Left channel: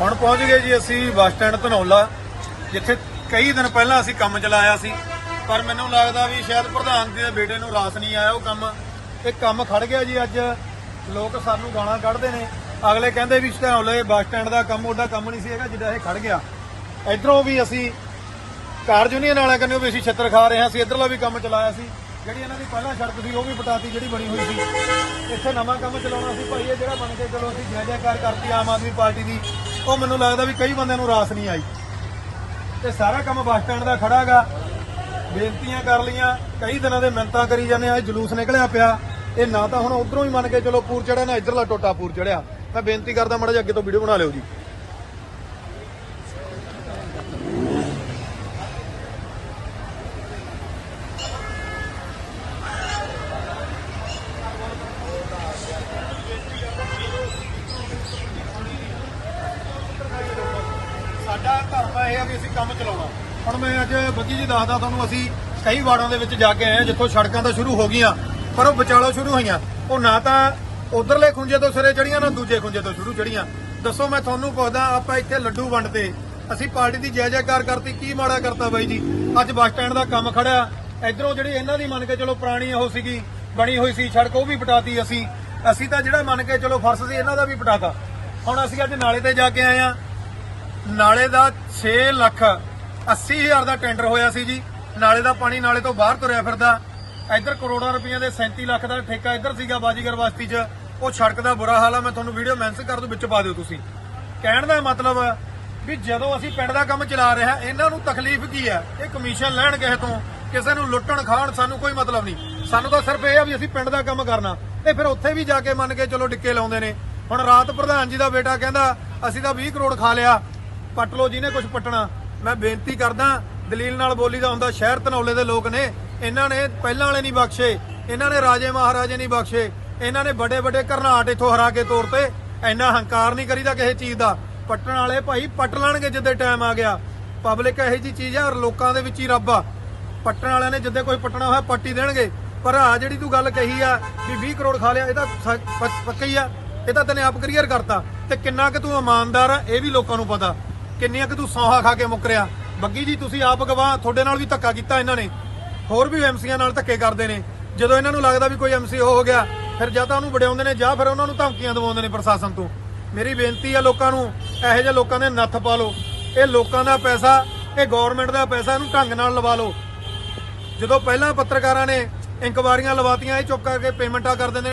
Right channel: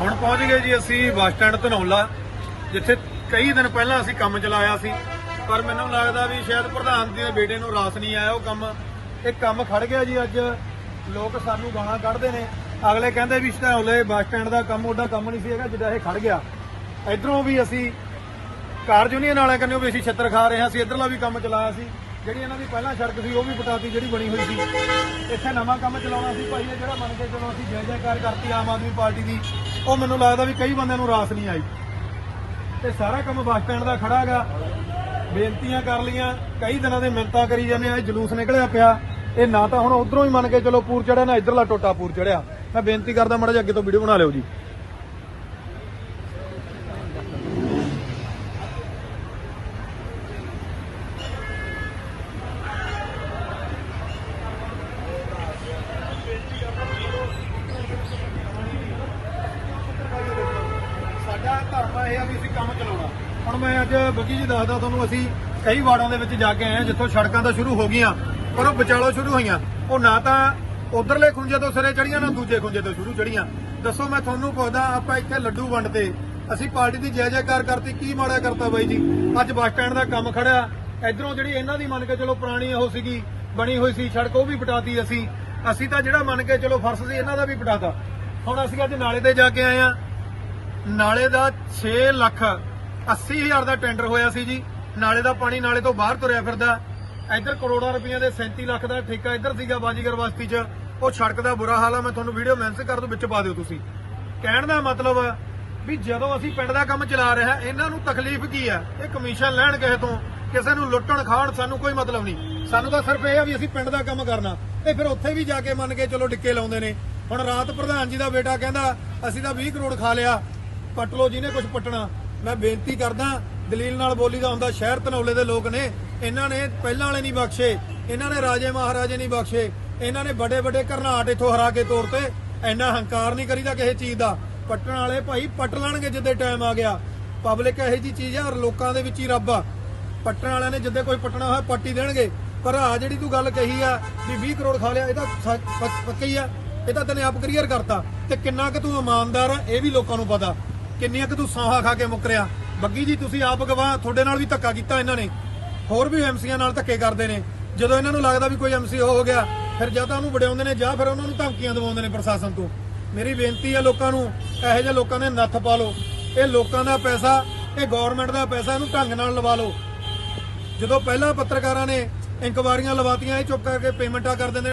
ਹੁਣ ਪਹੁੰਚ ਗਏ ਜੀ ਅਸੀਂ ਬੱਸ ਸਟੈਂਡ ਧਨੌਲਾ, ਜਿੱਥੇ ਕਈ ਦਿਨ ਪਹਿਲਾਂ ਅਸੀਂ ਕੰਮ ਚਲਾਇਆ ਸੀ। ਪਰ ਮੈਨੂੰ ਲੱਗਦਾ ਵੀ ਸ਼ਾਇਦ ਪ੍ਰਧਾਨ ਦੇ ਬੇਟੇ ਨੂੰ ਰਾਸ ਨਹੀਂ ਆਇਆ ਉਹ ਕੰਮ। ਇਹ ਕੰਮ ਖੜ ਗਿਆ ਜੀ ਅੱਜ। ਲੋਕ ਸਾਨੂੰ ਗਾਣਾ ਕੱਢਦੇ ਨੇ। ਅਗਲੇ ਕਹਿੰਦੇ ਵੀ ਧਨੌਲੇ ਬੱਸ ਸਟੈਂਡ ਦਾ ਕੰਮ, ਉਹਦਾ ਕੰਮ ਨਹੀਂ ਸੀ ਹੈਗਾ, ਜਿੱਦਾਂ ਇਹ ਖੜ ਗਿਆ। ਇਧਰੋਂ ਵੀ ਅਸੀਂ ਕਾਰ ਯੂਨੀਅਨ ਵਾਲਿਆਂ ਕਹਿੰਦੇ ਵੀ ਅਸੀਂ ਛੱਤਰ ਖਾ ਰਹੇ ਹਾਂ। ਅਸੀਂ ਇਧਰਲਾ ਵੀ ਕੰਮ ਚਲਾਇਆ ਸੀ। ਜਿਹੜੀ ਇਹਨਾਂ ਦੀ ਪਹਿਲਾਂ ਸੜਕ ਸੀ, ਉਹ ਵੀ ਪਟਾਤੀ ਜਿਹੜੀ ਬਣੀ ਹੋਈ ਸੀ। ਇੱਥੇ ਨਵਾਂ ਕੰਮ ਚਲਾਉਣਾ ਸੀ ਭਾਈ, ਇਹ ਜਿਹੜਾ ਬਣ ਕੇ ਚਲੋ ਅਸੀਂ ਜੈ ਜੈਕਾਰ ਕਰਤੀ ਆਮ ਆਦਮੀ ਪਾਰਟੀ ਦੀ। ਉਹ ਮੈਨੂੰ ਲੱਗਦਾ ਵੀ ਕਈ ਬੰਦਿਆਂ ਨੂੰ ਰਾਸ ਨਹੀਂ ਆਈ। ਤੇ ਸਾਰਾ ਕੰਮ ਬੱਸ ਸਟੈਂਡ ਦਾ ਖੜਾਗਾ। ਬੇਨਤੀਆਂ ਕਰ ਲੀਆਂ ਕਈ ਦਿਨਾਂ ਦੇ ਮਿੰਤਾਂ ਕਰੀ ਜਾਂਦੇ ਆ ਜਲੂਸ ਨਿਕਲਿਆ ਪਿਆ। ਇਹ ਨਾ ਤਾਂ ਹੁਣ ਉਧਰੋਂ ਹੀ ਮੰਨ ਕੇ ਚਲੋ ਪੂਰ ਚੜਿਆ, ਨਾ ਇਧਰਲਾ ਟੋਟਾ ਪੂਰ ਚੜਿਆ। ਮੈਂ ਬੇਨਤੀ ਕਰਦਾ ਮਾੜਾ ਜਿਹਾ ਅੱਗੇ ਤੋਂ ਵੀਡੀਓ ਬਣਾ ਲਿਓ ਜੀ ਸਾਡਾ ਧਰਮ ਇਹ ਆ ਵੀ ਅਸੀਂ ਕੰਮ ਚਲਾਉਣਾ। ਹੁਣ ਮੈਂ ਅੱਜ ਬੱਗੀ ਜੀ ਦੱਸਦਾ ਤੁਹਾਨੂੰ, ਅਸੀਂ ਕਈ ਵਾਰਡਾਂ ਦੇ ਵਿੱਚ ਜਾ ਕੇ ਆਏ ਹਾਂ, ਜਿੱਥੋਂ ਸੜਕਾਂ ਤਾਂ ਸ਼ੁਰੂ ਹੋ ਗਈਆਂ, ਪਰ ਉਹ ਵਿਚਾਲੋ ਸ਼ੁਰੂ ਹੋਈਆਂ। ਉਹ ਨਾ ਤਾਂ ਉਧਰਲੇ ਖੁੰਝੇ ਤੋਂ ਸਿਰੇ ਚੜੀਆਂ ਨਾ ਦੂਜੇ ਖੁੰਝੇ ਤੋਂ ਸ਼ੁਰੂ ਚੜੀਆਂ ਦੱਸੋ ਮੈਂ ਤੁਹਾਨੂੰ ਪੁੱਛਦਾ, ਆਪਾਂ ਇੱਥੇ ਲੱਡੂ ਵੰਡਦੇ। ਅਸੀਂ ਪਾਰਟੀ ਦੀ ਜੈ ਜੈਕਾਰ ਕਰਤੀ, ਕੀ ਮਾੜਾ ਕਰਤਾ ਬਾਈ ਜੀ? ਅੱਜ ਬੱਸ ਸਟੈਂਡ ਦਾ ਕੰਮ ਖੜਿਆ ਇਧਰੋਂ ਜਿਹੜੀ ਇਹਨਾਂ ਦੀ ਮੰਨ ਕੇ ਚਲੋ ਪੁਰਾਣੀ ਉਹ ਸੀਗੀ, ਬਣੀ ਹੋਈ ਸੀ ਸੜਕ, ਉਹ ਵੀ ਪਟਾਤੀ ਅਸੀਂ। ਅਸੀਂ ਤਾਂ ਜਿਹੜਾ ਮੰਨ ਕੇ ਚਲੋ ਫਰਸ਼ ਸੀ, ਇਹਨਾਂ ਦਾ ਵੀ ਪਟਾਤਾ। ਹੁਣ ਅਸੀਂ ਅੱਜ ਨਾਲੇ ਤੇ ਜਾ ਕੇ ਆਏ ਆ ਨਾਲੇ ਦਾ 6 ਲੱਖ 80 ਹਜ਼ਾਰ ਦਾ ਟੈਂਡਰ ਹੋਇਆ ਸੀ ਜੀ। ਨਾਲੇ ਦਾ ਪਾਣੀ ਨਾਲੇ ਤੋਂ ਬਾਹਰ ਤੁਰਿਆ ਫਿਰਦਾ। ਇੱਧਰ ਕਰੋੜਾਂ ਰੁਪਈਆ ਦੇ 37 ਲੱਖ ਦਾ ਠੇਕਾ ਇੱਧਰ ਸੀਗਾ ਬਾਜੀਗਰ ਬਸਤੀ 'ਚ। ਉਹ ਸੜਕ ਦਾ ਬੁਰਾ ਹਾਲ ਆ, ਮੈਂ ਤੁਹਾਨੂੰ ਵੀਡੀਓ ਮੈਂਸ਼ਨ ਕਰ ਦੂੰ, ਵਿੱਚ ਪਾ ਦਿਓ ਤੁਸੀਂ। ਕਹਿਣ ਦਾ ਮਤਲਬ ਵੀ ਜਦੋਂ ਅਸੀਂ ਪਿੰਡ ਦਾ ਕੰਮ ਚਲਾ ਰਿਹਾ ਇਹਨਾਂ ਨੂੰ ਤਕਲੀਫ ਕੀ ਆ? ਇਹ ਕਮਿਸ਼ਨ ਲੈਣ ਕਿਸੇ ਤੋਂ, ਕਿਸੇ ਨੂੰ ਲੁੱਟਣ ਖਾਣ, ਸਾਨੂੰ ਕੋਈ ਮਤਲਬ ਨਹੀਂ। ਸਾਨੂੰ ਤਾਂ ਸਿਰਫ ਇਹ ਆ ਵੀ ਅਸੀਂ ਪਿੰਡ ਦਾ ਕੰਮ ਕਰਨਾ। ਤੇ ਫਿਰ ਉੱਥੇ ਵੀ ਜਾ ਕੇ ਮੰਨ ਕੇ ਚਲੋ ਡਿੱਕੇ ਲਾਉਂਦੇ ਨੇ। ਹੁਣ ਰਾਤ ਪ੍ਰਧਾਨ ਜੀ ਦਾ ਬੇਟਾ ਕਹਿੰਦਾ, ਅਸੀਂ ਤਾਂ 20 ਕਰੋੜ ਖਾ ਲਿਆ। ਪੱਟ ਲੋ ਜਿਹਨੇ ਕੁਝ ਪੱਟਣਾ। ਮੈਂ ਬੇਨਤੀ ਕਰਦਾ, ਦਲੀਲ ਨਾਲ ਬੋਲੀ ਦਾ ਹੁੰਦਾ, ਸ਼ਹਿਰ ਧਨੌਲੇ ਦੇ ਲੋਕ ਨੇ। ਇਹਨਾਂ ਨੇ ਪਹਿਲਾਂ ਵਾਲੇ ਨਹੀਂ ਬਖਸ਼ੇ। ਇਹਨਾਂ ਨੇ ਰਾਜੇ ਮਹਾਰਾਜੇ ਨਹੀਂ ਬਖਸ਼ੇ। ਇਹਨਾਂ ਨੇ ਵੱਡੇ ਵੱਡੇ ਘਰਨਾਟ ਇਥੋਂ ਹਰਾ ਕੇ ਤੋਰ ਤੇ। ਇੰਨਾ ਹੰਕਾਰ ਨਹੀਂ ਕਰੀਦਾ ਕਿਸੇ ਚੀਜ਼ ਦਾ। ਪੱਟਣ ਵਾਲੇ ਭਾਈ ਪੱਟ ਲੈਣਗੇ ਜਿੱਦੇ ਟਾਈਮ ਆ ਗਿਆ। ਪਬਲਿਕ ਇਹੋ ਜੀ ਚੀਜ਼ ਆ, ਔਰ ਲੋਕਾਂ ਦੇ ਵਿੱਚ ਹੀ ਰੱਬ ਆ। ਪੱਟਣ ਵਾਲਿਆਂ ਨੇ ਜਿੱਦੇ ਕੋਈ ਪੱਟਣਾ ਹੋਇਆ, ਪੱਟੀ ਦੇਣਗੇ। ਪਰ ਆ ਜਿਹੜੀ ਤੂੰ ਗੱਲ ਕਹੀ ਆ ਵੀ 20 ਕਰੋੜ ਖਾ ਲਿਆ, ਇਹ ਤਾਂ ਪੱਕਾ ਹੀ ਆ। ਇਹ ਤਾਂ ਤੈਨੇ ਆਪ ਕਲੀਅਰ ਕਰਤਾ। ਤੇ ਕਿੰਨਾ ਕਿ ਤੂੰ ਇਮਾਨਦਾਰ ਆ, ਇਹ ਵੀ ਲੋਕਾਂ ਨੂੰ ਪਤਾ। ਕਿੰਨੀਆਂ ਕਿ ਤੂੰ ਸੌਹਾ ਖਾ ਕੇ ਮੁੱਕਰਿਆ ਬੱਗੀ ਜੀ, ਤੁਸੀਂ ਆਪ ਗਵਾਹ, ਤੁਹਾਡੇ ਨਾਲ ਵੀ ਧੱਕਾ ਕੀਤਾ ਇਹਨਾਂ ਨੇ। ਹੋਰ ਵੀ ਐਮਸੀਆਂ ਨਾਲ ਧੱਕੇ ਕਰਦੇ ਨੇ। ਜਦੋਂ ਇਹਨਾਂ ਨੂੰ ਲੱਗਦਾ ਵੀ ਕੋਈ ਐਮਸੀ ਹੋ ਗਿਆ, ਫਿਰ ਜਾਂ ਤਾਂ ਉਹਨੂੰ ਵਡਿਆਉਂਦੇ ਨੇ, ਜਾਂ ਫਿਰ ਉਹਨਾਂ ਨੂੰ ਧਮਕੀਆਂ ਦਿਵਾਉਂਦੇ ਨੇ ਪ੍ਰਸ਼ਾਸਨ ਤੋਂ। ਮੇਰੀ ਬੇਨਤੀ ਆ ਲੋਕਾਂ ਨੂੰ, ਇਹੋ ਜਿਹੇ ਲੋਕਾਂ ਦੇ ਨੱਥ ਪਾ ਲਓ। ਇਹ ਲੋਕਾਂ ਦਾ ਪੈਸਾ, ਇਹ ਗਵਰਨਮੈਂਟ ਦਾ ਪੈਸਾ, ਇਹਨੂੰ ਢੰਗ ਨਾਲ ਲਵਾ ਲਓ। ਜਦੋਂ ਪਹਿਲਾਂ ਪੱਤਰਕਾਰਾਂ ਨੇ ਇਨਕੁਆਰੀਆਂ ਲਵਾਤੀਆਂ, ਇਹ ਚੁੱਕ ਕਰਕੇ ਪੇਮੈਂਟਾਂ ਕਰ ਦਿੰਦੇ